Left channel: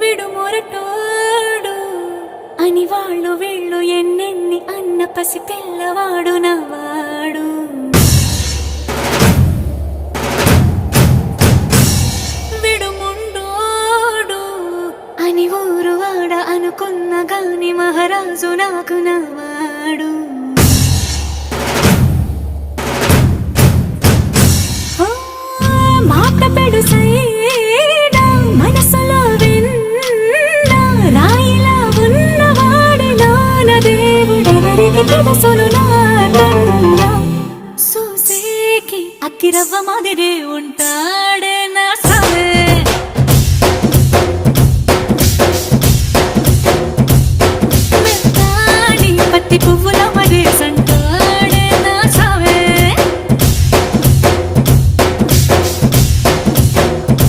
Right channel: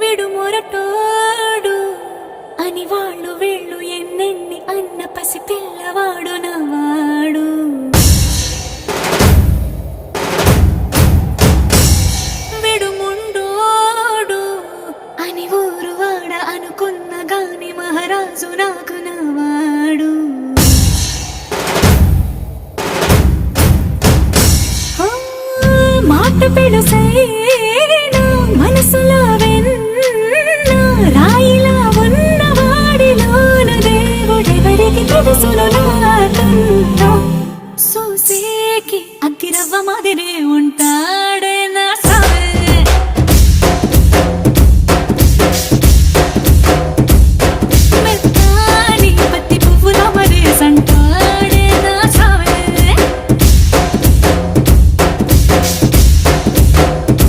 విడు మొరటోడు అని వాళ్ళు వీళ్ళు ఎన్నెన్ని అన్న పసి పిల్లవాడు నవ్వాడు. విడు ముండోడు అని ఊరు వాడ అనుకున్న గాని మహారాజు నాకు నవ్వాడు. మాట పెడుసైనా మనసులో వెన్న రాయిలా ఉన్నవాడిలోన దేవుడెవరికి తెలుసును నాకన్నా. సూసేకి అగ్గిరవ్వ మాదిరే ఉంటా.